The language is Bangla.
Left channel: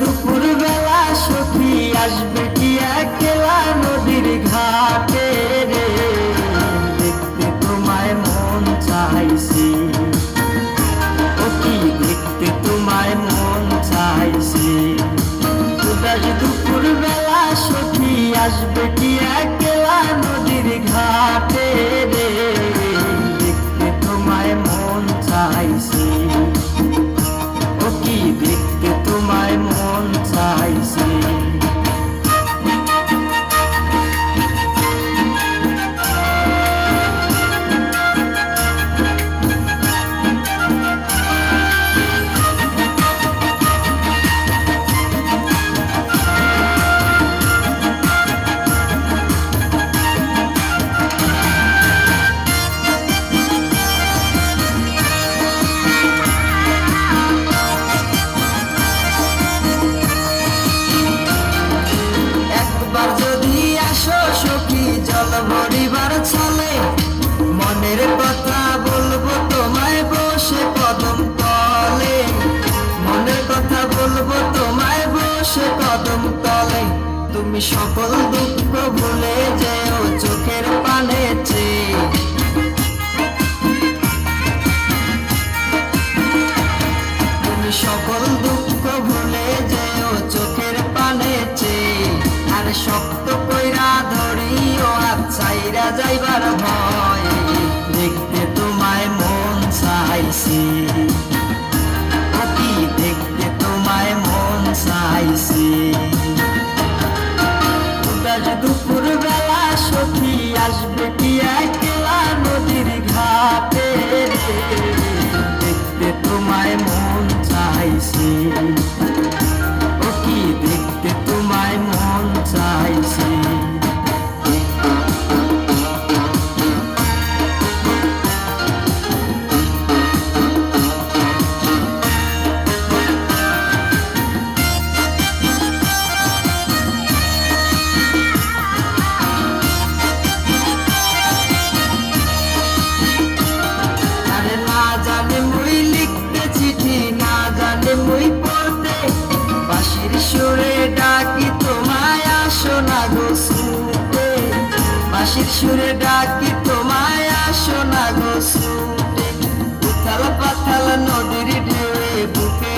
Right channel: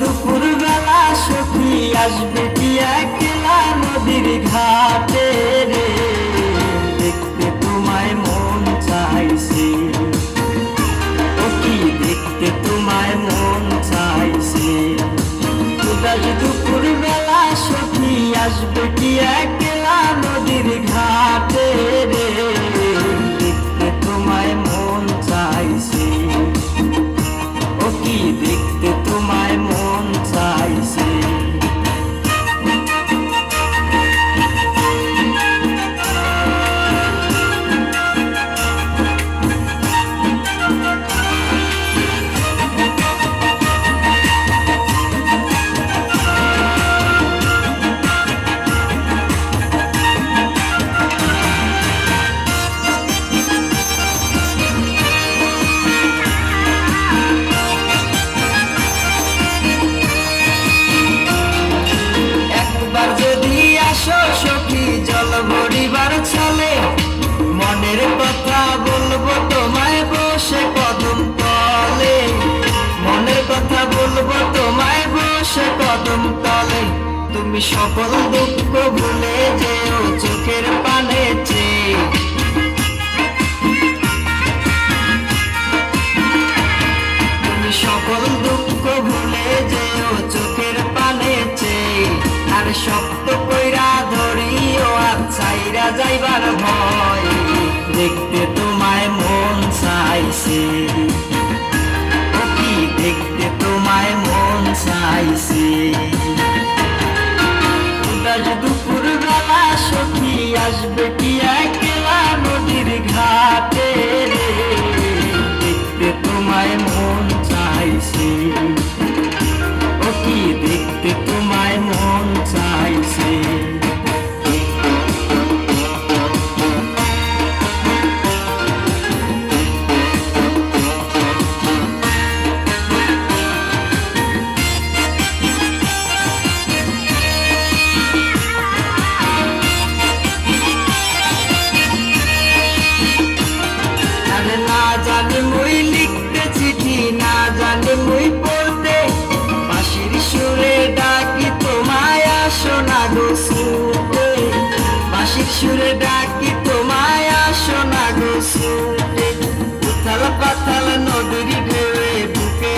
দুপুর বেলা সখী আসবে কি একলা নদীর ঘাটে রে, দেখতে তোমায় মন চাইছে, ও কি দেখতে তোমায় মন চাইছে। দুপুর বেলা সখী আসবে কি একলা নদীর ঘাটে রে, দেখতে তোমায় মন চাইছে, ও কি দেখতে তোমায় মন চাইছে। ভরিবার চলে মনের কথা বলবো তোমায় বসে কদম তলে, মনের কথা বলবো তোমায় বসে কদম তলে। তুমি সকল দুঃখ ভুলে যেও চোখের পানে চেয়ে, তুমি সকল দুঃখ ভুলে যেও চোখের পানে চেয়ে। আর শক্ত কইরা ধরিও চাইরা যাইবার ভয়, দেখতে তোমায় মন চাইছে, ও কি দেখতে তোমায় মন চাইছে। দুপুর বেলা সখী আসবে কি একলা নদীর ঘাটে রে, দেখতে তোমায় মন চাইছে, ও কি দেখতে তোমায় মন চাইছে। মই পড়তে বাঁশির সুরে ডাকি তোমায় আসো না গো ছুটে, বাঁশির সুরে ডাকি তোমায় আসো না গো ছুটে। উথাল পাথাল নদীর ঢেউয়ে বুকে